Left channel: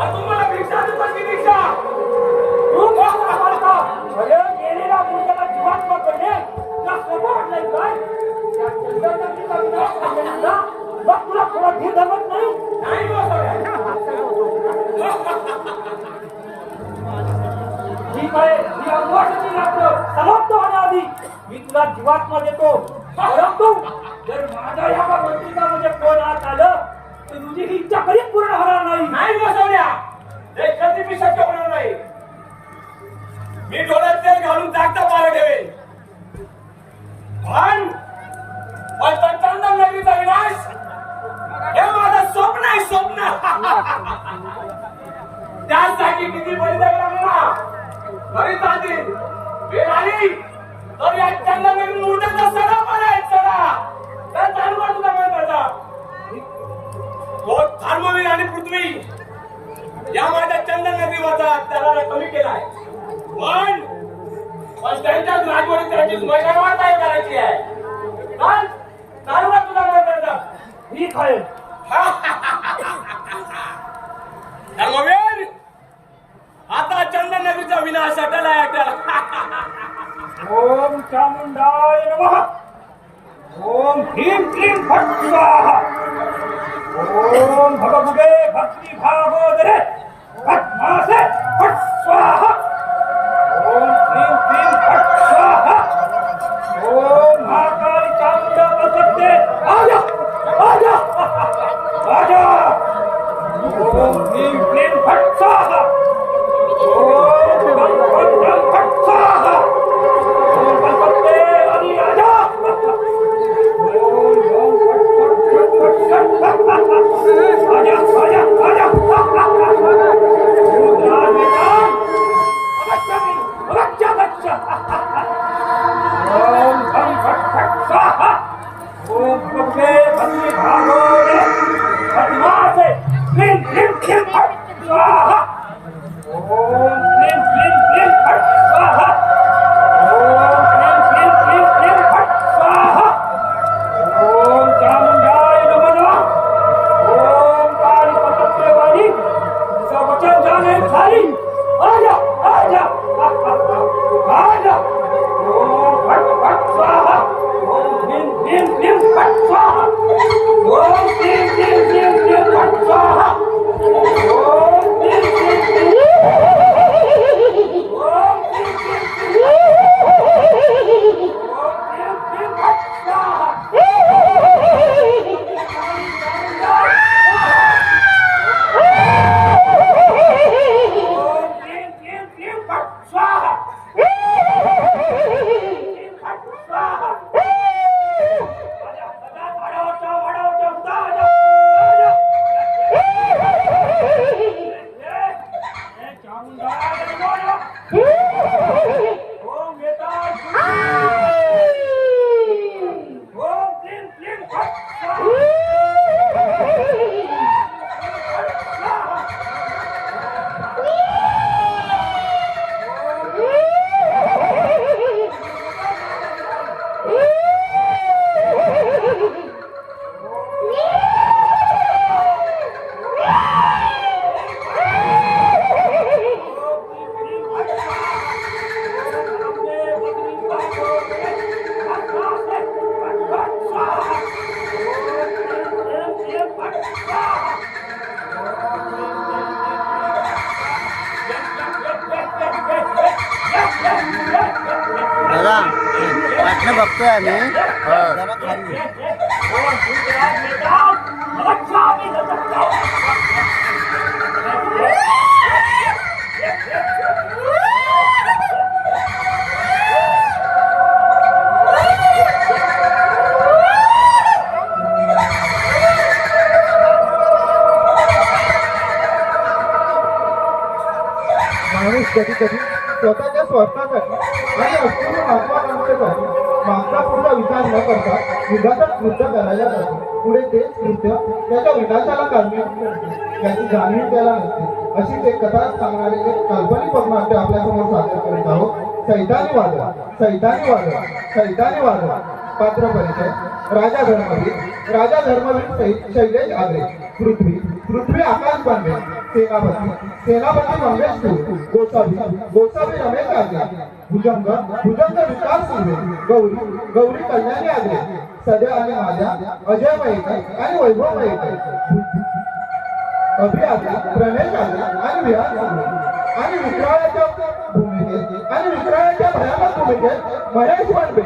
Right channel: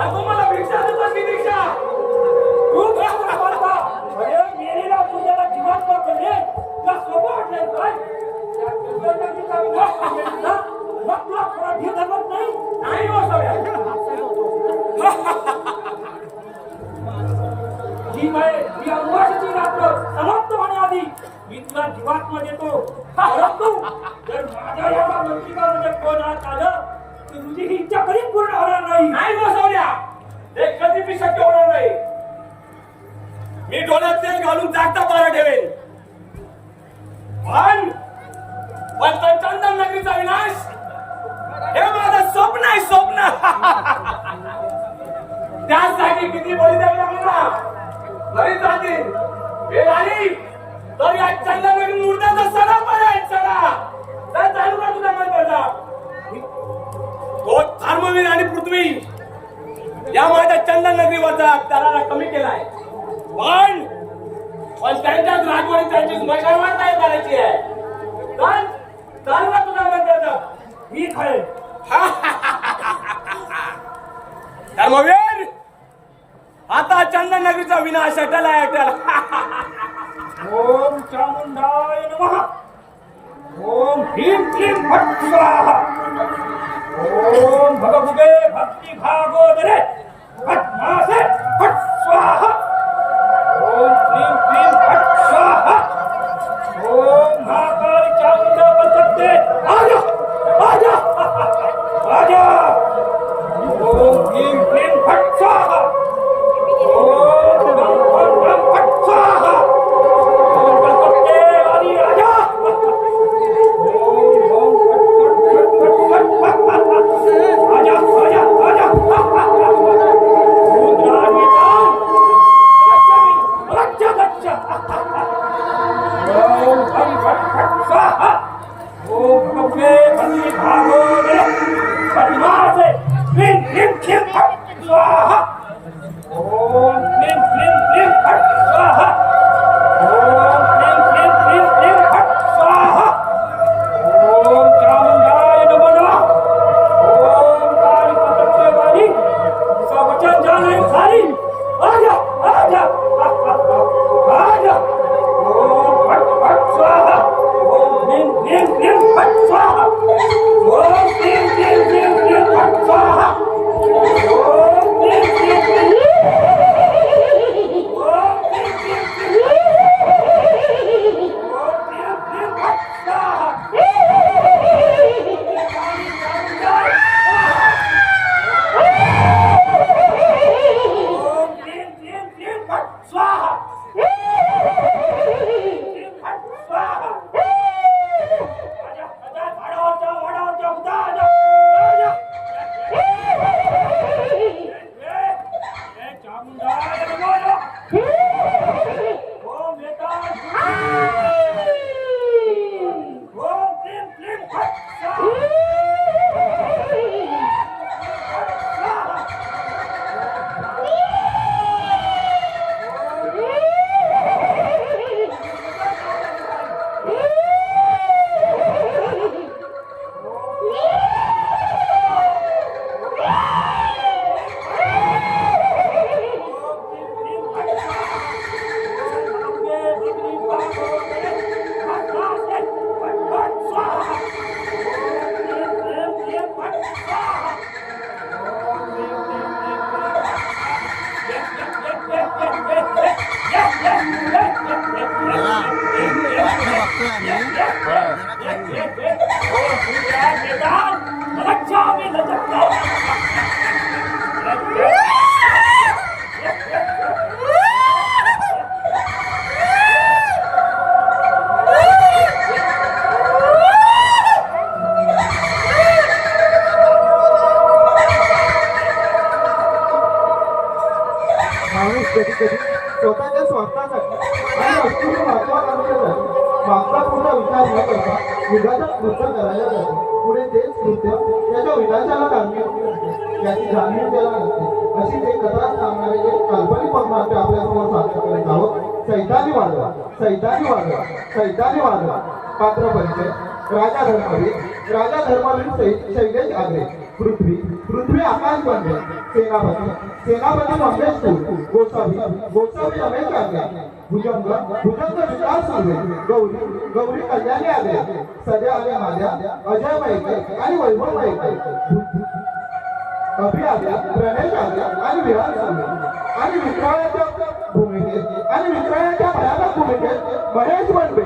आणि तुम्हाला भिक्षा देतो की भिक्षा तू काय बोलता? अरे मेलेला मुलगा जीवात्मा कडे तुला सोबत नाही काय? त्या चंद्रकांतीचा विनाश केलेला मग तुला खरं भी जमत नाही? नाही बसवल्या ठीक आहे, ही अवकाशाची रात्र समाप्त होण्याआधी मी तुला जीवात्मा देतो. परंतु जर माझ्या या मंत्रिकामध्ये कोण हात आलं तर तुझी ही इच्छा कधीच पूर्ण होणार नाही. नाही बसवल्या हे कधी बी शक्य होणार नाही. मी डोळ्यात तेल घालून जागता मारा घेवेन पण चंदन नगरीचा विनाश हे माझं स्वप्न आहे स्वप्न. त्यासाठी किती बळी द्यावी लागली ना बरी जातील वेळ आली तर या चंदन नगरी मूर्त्याचा सडा पर्याय सडा काय चालू का तुझा त्याचा तो धर्मवीर आणि पृथ्वी या माझ्या चंदन नगरीवरचा त्याला कमी केलाय पण त्यांच्याच राजवटी त्यांची मैदानावर काय करायची आहे चाल चालू का तुझा म्हणतात ठीक आहे. धर्मवीर आता चंदन नगरीचा विनाश अटलाय अटल. ओम चामुंडाय नमः. ओम ह्रीं क्लीं फट् स्वाहा. ओम भगवते भक्ति भागोदरे भस्मासे फट् स्वाहा. ओम ह्रीं क्लीं फट् स्वाहा. ओम महाकाली चामुंडा बलशक्ते आजा आजा आजा. ओम ह्रीं क्लीं फट् स्वाहा. ओम गं गं गं फट् स्वाहा. ओम बलशक्ते आदि आजा. ओम ओम फट् फट् फट् फट् आजा आजा आजा. रुद्रान निदान बच्चा बच्चा. ओम गं फट् फट् स्वाहा. ओम भगवते भक्ति भागोदरे भस्मासे क्लीं क्लीं क्लीं फट् स्वाहा. ओम क्लीं क्लीं क्लीं फट् स्वाहा. ओम क्लीं क्लीं क्लीं क्लीं फट् स्वाहा. ओम चामुंडाय नमः. ओम काली पतंगे वाली इसका वचन जाने खाली आजा आजा आजा. ओम फट् फट् स्वाहा. ओम क्लीं क्लीं क्लीं फट् स्वाहा. ओम क्लीं क्लीं क्लीं क्लीं फट् स्वाहा. ओम क्लीं क्लीं क्लीं बघतोय आम्ही जरा खाली माणूस कधी कधी स्वतःच्या स्वार्थासाठी आणि अस्तित्व महत्वाकांक्षेसाठी मागचा पूर्ण विचार न करता युगाचं कृत्य करायला जातो. पुढे तेच कृत्य त्याच्या विनाशाला कारणीभूत असते, याची जाणीव त्याला नसते. अशीच एक कथा सांगणारे एक काल्पनिक पद्नाट्य आपल्यासमोर सादर करीत आहोत. सैतानी वादळ, सैतानी वादळ, सैतानी वादळ. पात्र परिचय: राजा धर्मवीर. राजा धर्मवीर शैलेश आगरे. पृथ्वी, पृथ्वी आकाश बनले. सेनापती मंगेश गोसावी रमेश आगे भुजंग विकास सुर्वे गौरी कल्याणी आगे सध्या आणि माझ्या अजय मयेकर आणि वैभव मयेकर अभियात्रा प्रणय आगे आणि विहार सुर्वे आणि विक्राळाच्या भूमिकेत आणि विक्राळाच्या भयानक भूमिकेत महेश बनबे